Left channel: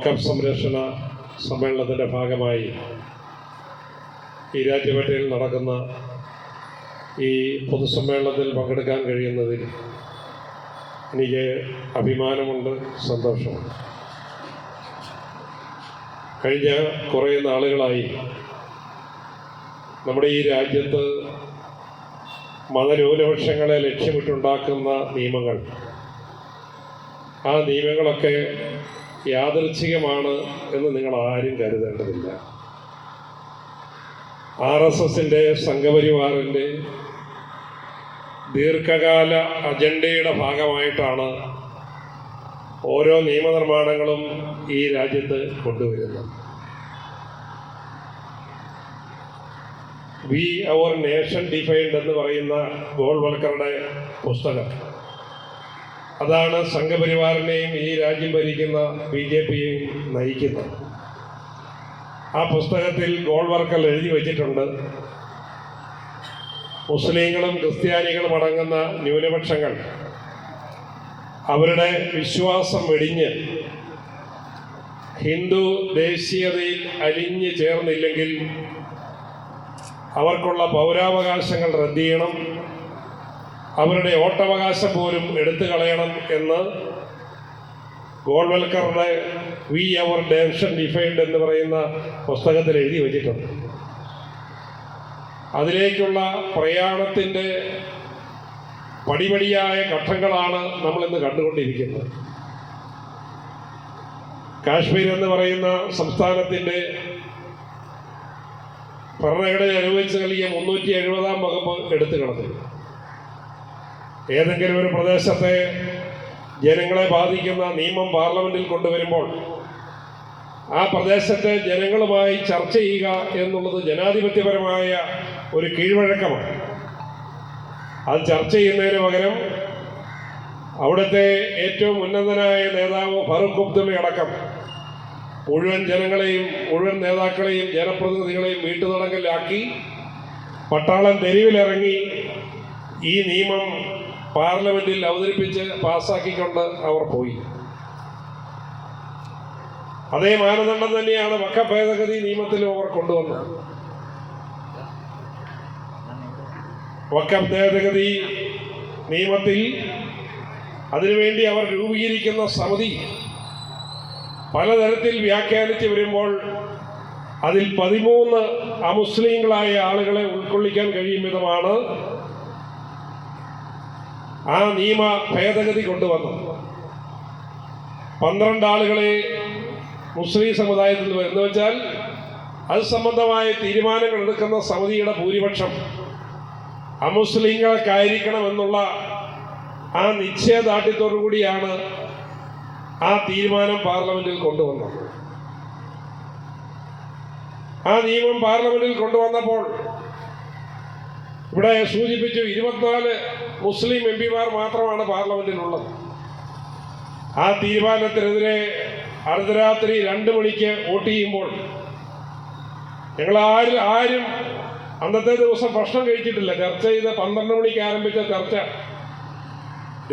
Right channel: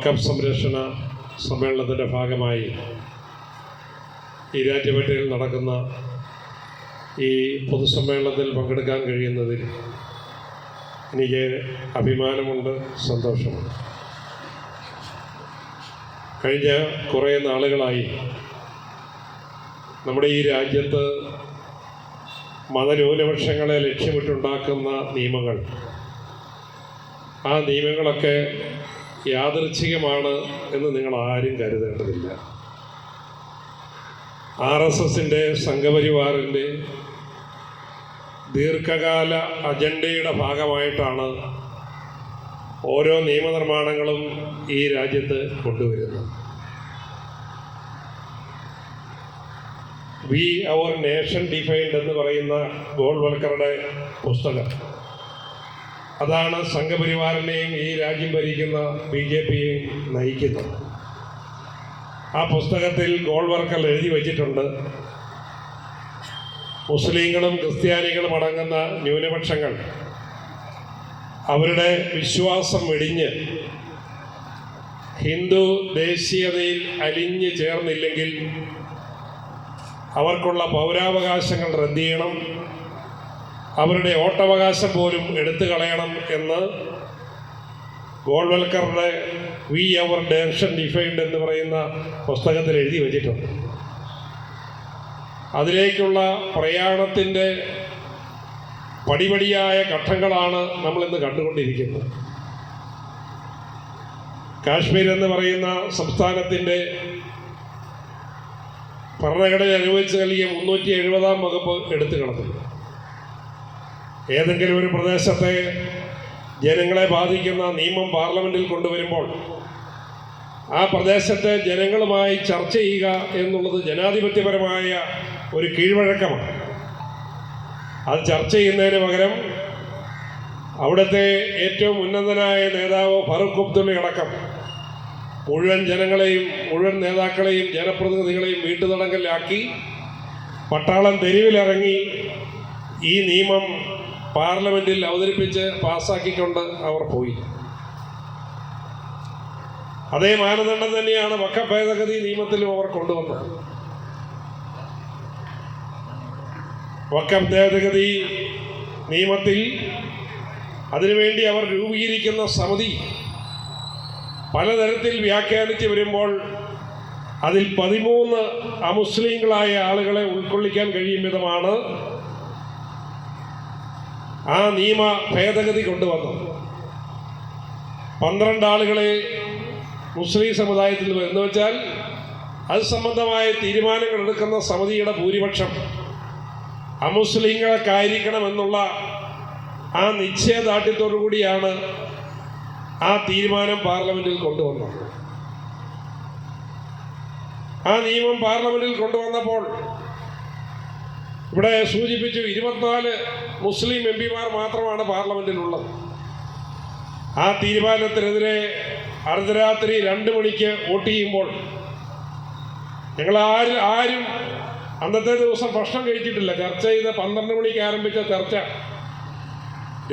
വക്കഫ് സംരക്ഷണ സമ്മേളനത്തിന്റെ ഭാഗമായി ഈരാറ്റുപേട്ടയിൽ നടക്കുന്ന ഈ പൊതുസമ്മേളനത്തിൽ പങ്കെടുക്കാൻ കഴിയുന്നതിൽ എനിക്ക് അഭിമാനമുണ്ട് സന്തോഷമുണ്ട്. കഴിഞ്ഞ കുറേ നാളുകളായി നമ്മുടെ ഈ രാജ്യത്ത് മതന്യൂനപക്ഷങ്ങളെ ലക്ഷ്യമിട്ടുണ്ടാക്കുന്ന നിയമങ്ങൾ ആ നിയമങ്ങളൊക്കെ യാദൃച്ഛികമാണ് എന്ന് നിങ്ങൾ ആരും കരുതേണ്ടതില്ല. ആർ എസ് എസിന്റെ സംഘപരിവാറിന്റെ ദീർഘകാല അജണ്ടയുടെ ഭാഗമായിട്ടാണ് ഓരോ നിയമനിർമ്മാണങ്ങളും ഈ രാജ്യത്ത് കൊണ്ടുവരുന്നത്. വി അവർ നേഷൻ ഡിഫൈൻഡ് എന്ന് പറയുന്ന ഗോൾവൽക്കറുടെ പുസ്തകം. അതാണ് സംഘപരിവാറിനെയും ഈ രാജ്യം ഭരിക്കുന്ന ബി ജെ പിയും നയിക്കുന്നത്. ആ പുസ്തകത്തിൽ ഗോൾവർക്കർ എഴുതി വച്ചിട്ടുണ്ട്. മുസ്ലിങ്ങളും ക്രിസ്ത്യാനികളും അടങ്ങുന്ന ന്യൂനപക്ഷങ്ങൾ. അവരുടെ വിശ്വാസം വെടിഞ്ഞ് ഹിന്ദു ദേശീയതയിൽ അലിഞ്ഞു ചേർന്നില്ലെങ്കിൽ അവർക്കുള്ള പൗരാവകാശങ്ങൾ റദ്ദ് ചെയ്യണം. അവരുടെ വോട്ടവകാശം പോലും എടുത്തു കളയണം എന്ന് ഗോൾവൽക്കറുടെ വി അവർ ഡയറക്ഷൻ ഡിഫൈൻഡ് എന്ന് പറയുന്ന പുസ്തകത്തിൽ എഴുതി വച്ചിട്ടുണ്ട്. അതിലേക്കുള്ള പ്രയാണത്തിന്റെ പടിപടിയായ ഘട്ടങ്ങളാണ് നമ്മളിന്ന് കണ്ടുകൊണ്ടിരിക്കുന്നത്. കാശ്മീർ എന്ന് പറയുന്ന സംസ്ഥാനത്തിന്റെ ഭരണഘടന അനുവദിച്ച് നൽകിയ മുന്നൂറ്റി എഴുപതാം വകുപ്പ് എടുത്തു കളഞ്ഞു. ഏതെങ്കിലും ഒരു പ്രദേശത്തെ ജനങ്ങളെ ബാധിക്കുന്ന നിയമം പാർലമെന്റിൽ കൊണ്ടുവരുമ്പോൾ ആ പ്രദേശത്തെ ജനങ്ങളുമായി ചർച്ച ചെയ്യുക എന്നുള്ളത് ജനാധിപത്യപരമായ ഒരു കീഴ്വഴക്കമാണ്. അത് ചർച്ച ചെയ്യുന്നതിന് പകരം അവിടുത്തെ ഏറ്റവും ഉന്നതനായ നേതാവ് ഫറൂഖ് അബ്ദുള്ള അടക്കം മുഴുവൻ ജനങ്ങളെയും മുഴുവൻ നേതാക്കളെയും ജനപ്രതിനിധികളെയും വീട്ടുതടങ്കലിലാക്കി പട്ടാളം തെരുവിലിറങ്ങി ഈ നിയമം പാർലമെന്റിൽ അവതരിപ്പിച്ച് പാസ്സാക്കിക്കൊണ്ട് അവർ പോയി. അതേ മാനദണ്ഡം തന്നെയാണ് വക്ക ഭേദഗതി നിയമത്തിലും അവർ കൊണ്ടുവന്നത്. വക്ക ഭേദഗതി നിയമത്തിൽ അതിനുവേണ്ടി അവർ രൂപീകരിക്കുന്ന സമിതി പലതരത്തിൽ വ്യാഖ്യാനിച്ച് വരുമ്പോൾ അതിൽ പതിമൂന്ന് അമുസ്ലിങ്ങളായ ആളുകളെ ഉൾക്കൊള്ളിക്കാൻ കഴിയും വിധമാണ് ആ നിയമ ഭേദഗതി കൊണ്ടുവന്നു. പന്ത്രണ്ട് ആളുകളെ മുസ്ലിം സമുദായത്തിൽ എന്ന് വെച്ചാൽ അത് സംബന്ധമായ തീരുമാനങ്ങൾ എടുക്കുന്ന സമിതിയുടെ ഭൂരിപക്ഷം അമുസ്ലിങ്ങൾക്കായിരിക്കണം എന്നുള്ള ആ നിശ്ചയദാർഢ്യത്തോടു കൂടിയാണ് ആ തീരുമാനം പാർലമെന്റിൽ കൊണ്ടുവന്നത്. ആ നിയമം പാർലമെന്റിൽ കൊണ്ടുവന്നപ്പോൾ ഇവിടെ സൂചിപ്പിച്ചു ഇരുപത്തിനാല് മുസ്ലിം എം പിമാർ മാത്രമാണ് പാർലമെന്റിലുള്ളത്. ആ തീരുമാനത്തിനെതിരെ അർദ്ധരാത്രി രണ്ട് മണിക്ക് വോട്ട് ചെയ്യുമ്പോൾ ഞങ്ങൾ ആരും ആരും അന്നത്തെ ദിവസം ഭക്ഷണം കഴിച്ചിട്ടില്ല. ചർച്ച ചെയ്ത് പന്ത്രണ്ട് മണിക്ക് ആരംഭിച്ച ചർച്ച.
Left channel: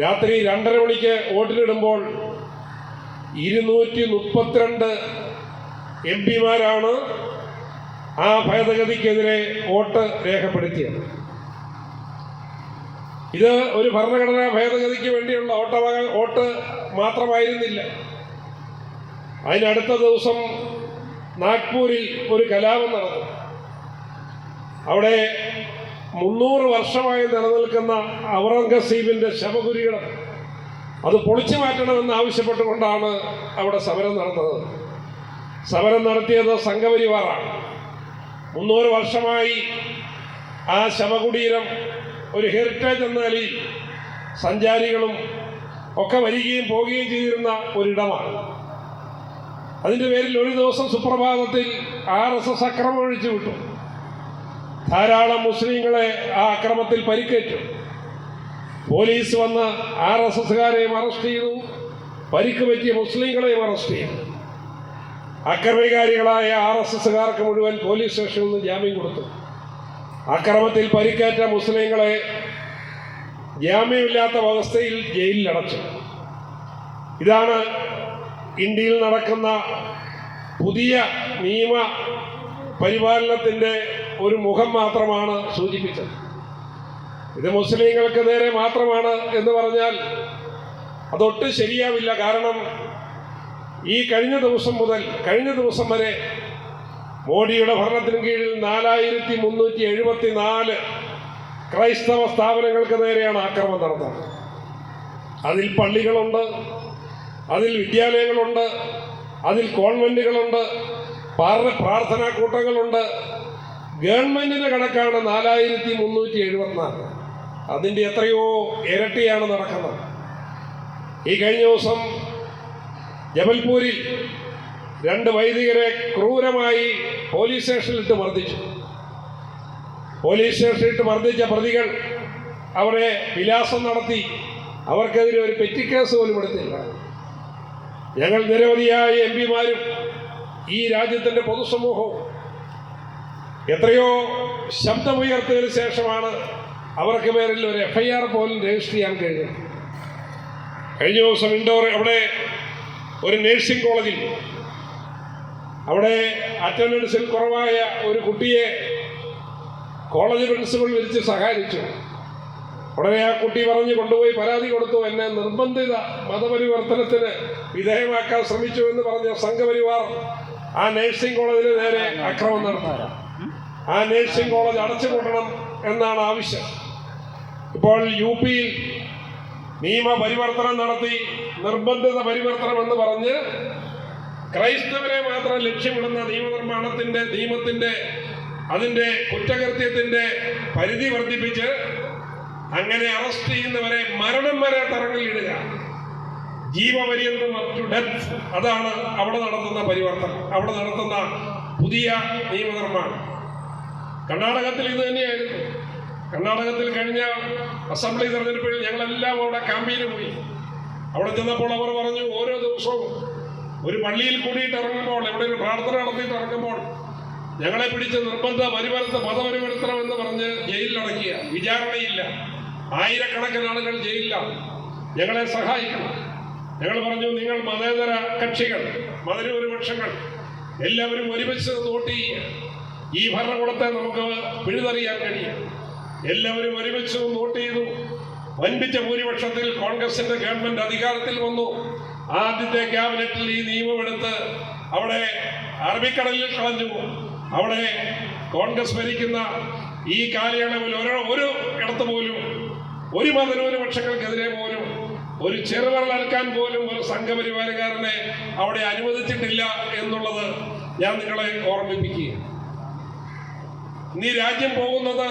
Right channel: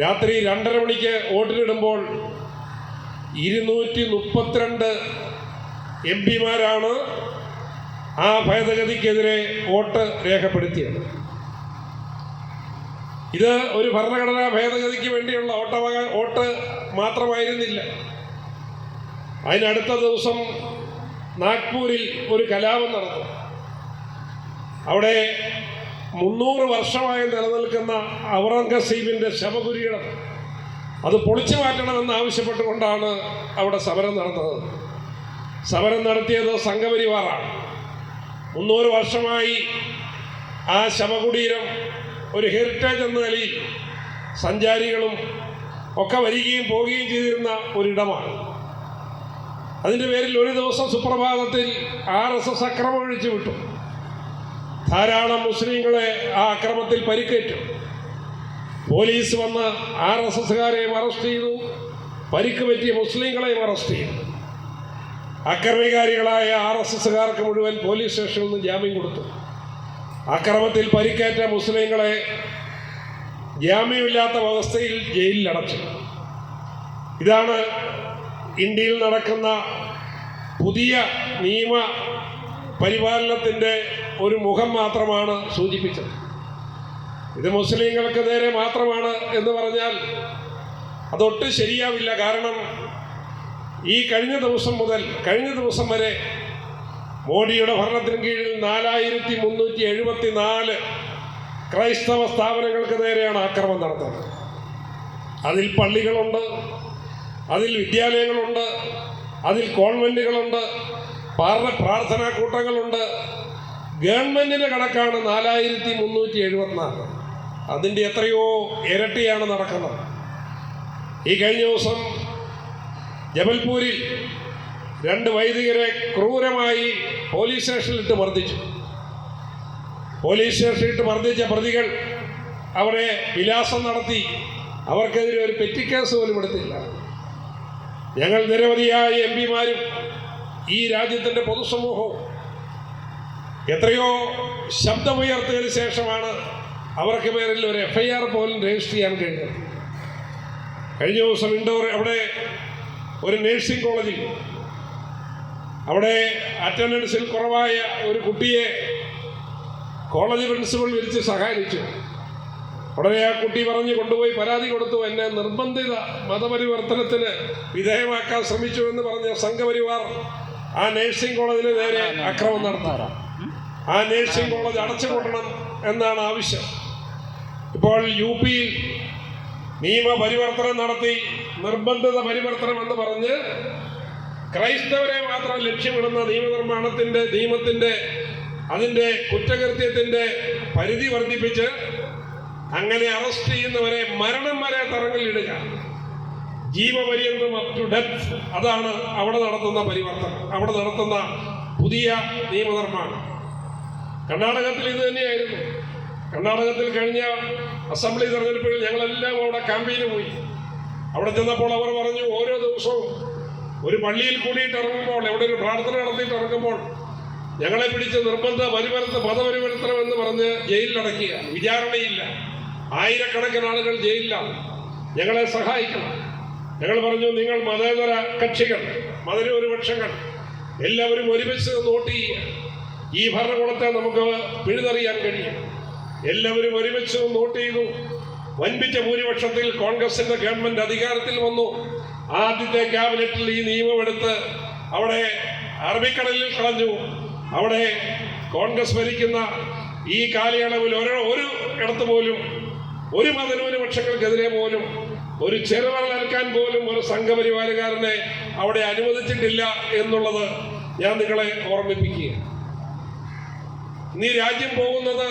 രാത്രി രണ്ടര മണിക്ക് വോട്ടിനിടുമ്പോൾ ഇരുന്നൂറ്റി മുപ്പത്തിരണ്ട് എം പിമാരാണ് ആ ഭേദഗതിക്കെതിരെ വോട്ട് രേഖപ്പെടുത്തിയത്. ഇത് ഒരു ഭരണഘടനാ ഭേദഗതിക്ക് വേണ്ടിയുള്ള ഓട്ട വോട്ട് മാത്രമായിരുന്നില്ല. അതിനടുത്ത ദിവസം നാഗ്പൂരിൽ ഒരു കലാപം നടന്നു. അവിടെ മുന്നൂറ് വർഷമായി നിലനിൽക്കുന്ന ഔറംഗസീബിന്റെ ശവകുരികളും അത് പൊളിച്ചു മാറ്റണമെന്ന് ആവശ്യപ്പെട്ടുകൊണ്ടാണ് അവിടെ സമരം നടന്നത്. സമരം നടത്തിയത് സംഘപരിവാറാണ്. മുന്നൂറ് വർഷമായി ആ ശവകുടീരം ഒരു ഹെറിറ്റേജ് എന്ന നിലയിൽ സഞ്ചാരികളും ഒക്കെ വരികയും പോവുകയും ചെയ്തിരുന്ന ഒരിടമാണ്. അതിന്റെ പേരിൽ ഒരു ദിവസം സുപ്രഭാതത്തിൽ ആർ എസ് എസ് അക്രമം ഒഴിച്ചു വിട്ടു. ധാരാളം മുസ്ലിങ്ങളെ ആ അക്രമത്തിൽ പരിക്കേറ്റു. പോലീസ് വന്ന് ആർ എസ് എസ്സുകാരെയും അറസ്റ്റ് ചെയ്തു. പരിക്ക് പറ്റിയ മുസ്ലിങ്ങളെയും അറസ്റ്റ് ചെയ്തു. അക്രമികാരികളായ ആർ എസ് എസ്സുകാർക്ക് മുഴുവൻ പോലീസ് സ്റ്റേഷനിൽ നിന്ന് ജാമ്യം കൊടുത്തു. അക്രമത്തിൽ പരിക്കേറ്റ മുസ്ലിങ്ങളെ ജാമ്യമില്ലാത്ത അവസ്ഥയിൽ ജയിലിലടച്ചു. ഇതാണ് ഇന്ത്യയിൽ നടക്കുന്ന പുതിയ നിയമ പരിപാലനത്തിന്റെ ഒരു മുഖം മാത്രമാണ് സൂചിപ്പിച്ചത്. ഇത് മുസ്ലിങ്ങൾക്ക് നേരെ മാത്രമാണ് എന്ന് പറഞ്ഞാൽ അതൊട്ടും ശരിയാവില്ല. കാരണം ഈ കഴിഞ്ഞ ദിവസം മുതൽ കഴിഞ്ഞ ദിവസം വരെ മോഡിയുടെ ഭരണത്തിന് കീഴിൽ നാലായിരത്തി മുന്നൂറ്റി എഴുപത്തി നാല് ക്രൈസ്തവ സ്ഥാപനങ്ങൾക്ക് നേരെയാണ് ആക്രമണം നടത്തുന്നത് അതിൽ പള്ളികളുണ്ട് അതിൽ വിദ്യാലയങ്ങളുണ്ട് അതിൽ കോൺവെന്റുകളുണ്ട് പ്രാർത്ഥനാ കൂട്ടങ്ങളുണ്ട്. ഗവൺമെന്റിന്റെ കണക്കാണ് നാലായിരത്തി മുന്നൂറ്റി എഴുപത്തിനാല് അതിന്റെ എത്രയോ ഇരട്ടിയാണ് നടക്കുന്നത്. ഈ കഴിഞ്ഞ ദിവസം ജബൽപൂരിൽ രണ്ട് വൈദികരെ ക്രൂരമായി പോലീസ് സ്റ്റേഷനിലിട്ട് മർദ്ദിച്ചു. പോലീസ് സ്റ്റേഷനിലിട്ട് മർദ്ദിച്ച പ്രതികൾ അവരെ വിലാസം നടത്തി. അവർക്കെതിരെ ഒരു പെറ്റിക്കേസ് പോലും എടുത്തില്ല. ഞങ്ങൾ നിരവധിയായ എം പിമാരും ഈ രാജ്യത്തിന്റെ പൊതുസമൂഹവും എത്രയോ ശബ്ദമുയർത്തിയതിനു ശേഷമാണ് അവർക്ക് പേരിൽ ഒരു എഫ്ഐആർ പോലും രജിസ്റ്റർ ചെയ്യാൻ കഴിഞ്ഞത്. കഴിഞ്ഞ ദിവസം ഇൻഡോർ അവിടെ ഒരു നേഴ്സിംഗ് കോളേജിൽ അവിടെ അറ്റൻഡൻസിൽ കുറവായ ഒരു കുട്ടിയെ കോളേജ് പ്രിൻസിപ്പൽ വിളിച്ച് സഹായിച്ചു. ഉടനെ ആ കുട്ടി പറഞ്ഞു കൊണ്ടുപോയി പരാതി കൊടുത്തു. എന്നെ നിർബന്ധിത മതപരിവർത്തനത്തിന് വിധേയമാക്കാൻ ശ്രമിച്ചു എന്ന് പറഞ്ഞ സംഘപരിവാർ ആ നേഴ്സിംഗ് കോളേജിന് നേരെ അക്രമം നടത്തി. ആ നേഴ്സിംഗ് കോളേജ് അടച്ചുപൂട്ടണം എന്നാണ് ആവശ്യം. ഇപ്പോൾ യു പിയിൽ നിയമപരിവർത്തനം നടത്തി നിർബന്ധിത പരിവർത്തനം എന്ന് പറഞ്ഞ് ക്രൈസ്തവരെ മാത്രം ലക്ഷ്യമിടുന്ന നിയമനിർമ്മാണത്തിന്റെ നിയമത്തിന്റെ അതിന്റെ കുറ്റകൃത്യത്തിന്റെ പരിധി വർദ്ധിപ്പിച്ച് അങ്ങനെ അറസ്റ്റ് ചെയ്യുന്നവരെ മരണം വരെ തറങ്ങളിലിടുക ജീവപര്യന്തം ടു ഡെത്ത് അതാണ് അവിടെ നടത്തുന്ന പരിവർത്തനം. അവിടെ നടത്തുന്ന പുതിയ നിയമനിർമ്മാണം. കർണാടകത്തിൽ ഇത് തന്നെയായിരുന്നു. കർണാടകത്തിൽ കഴിഞ്ഞ അസംബ്ലി തെരഞ്ഞെടുപ്പിൽ ഞങ്ങളെല്ലാം അവിടെ ക്യാമ്പയിന് പോയി. അവിടെ ചെന്നപ്പോൾ അവർ പറഞ്ഞു ഓരോ ദിവസവും ഒരു പള്ളിയിൽ കൂടിയിട്ട് ഇറങ്ങുമ്പോൾ എവിടെ ഒരു പ്രാർത്ഥന നടത്തിയിട്ട് ഇറങ്ങുമ്പോൾ ഞങ്ങളെ പിടിച്ച് നിർബന്ധ പരിവർത്ത മതപരിവർത്തനം എന്ന് പറഞ്ഞ് ജയിലിലടക്കുക വിചാരണയില്ല. ആയിരക്കണക്കിന് ആളുകൾ ജയിലിലാണ്. ഞങ്ങളെ സഹായിക്കണം. ഞങ്ങൾ പറഞ്ഞു നിങ്ങൾ മതേതര കക്ഷികൾ മതന്യൂനപക്ഷങ്ങൾ എല്ലാവരും ഒരുമിച്ച് വോട്ട് ചെയ്യുക. ഈ ഭരണകൂടത്തെ നമുക്ക് പിഴുതറിയാൻ കഴിയും. എല്ലാവരും ഒരുമിച്ച് വോട്ട് ചെയ്തു. വൻപിച്ച ഭൂരിപക്ഷത്തിൽ കോൺഗ്രസിന്റെ ഗവൺമെന്റ് അധികാരത്തിൽ വന്നു. ആദ്യത്തെ ക്യാബിനറ്റിൽ ഈ നിയമം നിയമമെടുത്ത് അവിടെ അറബിക്കടലിൽ കളഞ്ഞു. അവിടെ കോൺഗ്രസ് ഭരിക്കുന്ന ഈ കാലയളവിൽ ഓരോ ഒരു ഇടത്ത് പോലും ഒരു മതന്യൂനപക്ഷങ്ങൾക്കെതിരെ പോലും ഒരു ചെറുവരലക്കാൻ പോലും ഒരു സംഘപരിവാരക്കാരനെ അവിടെ അനുവദിച്ചിട്ടില്ല എന്നുള്ളത് ഞാൻ നിങ്ങളെ ഓർമ്മിപ്പിക്കുക നീ രാജ്യം പോകുന്നത്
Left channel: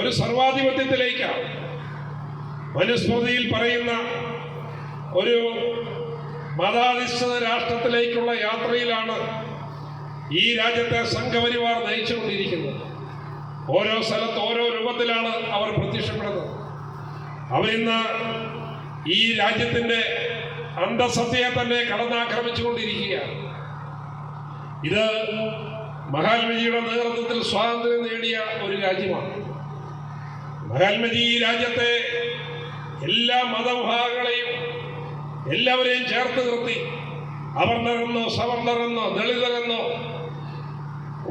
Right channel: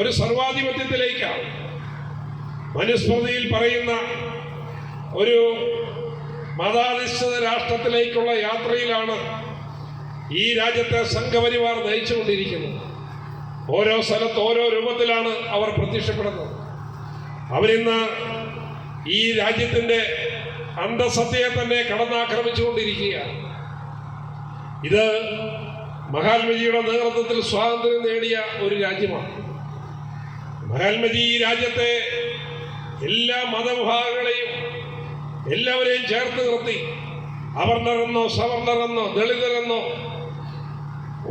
ഒരു സർവാധിപത്യത്തിലേക്കാണ്. മനുസ്മൃതിയിൽ പറയുന്ന ഒരു മതാധിഷ്ഠിത രാഷ്ട്രത്തിലേക്കുള്ള യാത്രയിലാണ് ഈ രാജ്യത്തെ സംഘപരിവാർ നയിച്ചുകൊണ്ടിരിക്കുന്നത്. ഓരോ സ്ഥലത്ത് ഓരോ രൂപത്തിലാണ് അവർ പ്രത്യക്ഷപ്പെടുന്നത്. അവരിന്ന് ഈ രാജ്യത്തിന്റെ അന്തസത്തയെ തന്നെ കടന്നാക്രമിച്ചുകൊണ്ടിരിക്കുകയാണ്. ഇത് മഹാത്മജിയുടെ നേതൃത്വത്തിൽ സ്വാതന്ത്ര്യം നേടിയ ഒരു രാജ്യമാണ്. മഹാത്മജി ഈ രാജ്യത്തെ എല്ലാ മതവിഭാഗങ്ങളെയും എല്ലാവരെയും ചേർത്ത് നിർത്തി. അവർണരെന്നോ സവർണരെന്നോ ദളിതരെന്നോ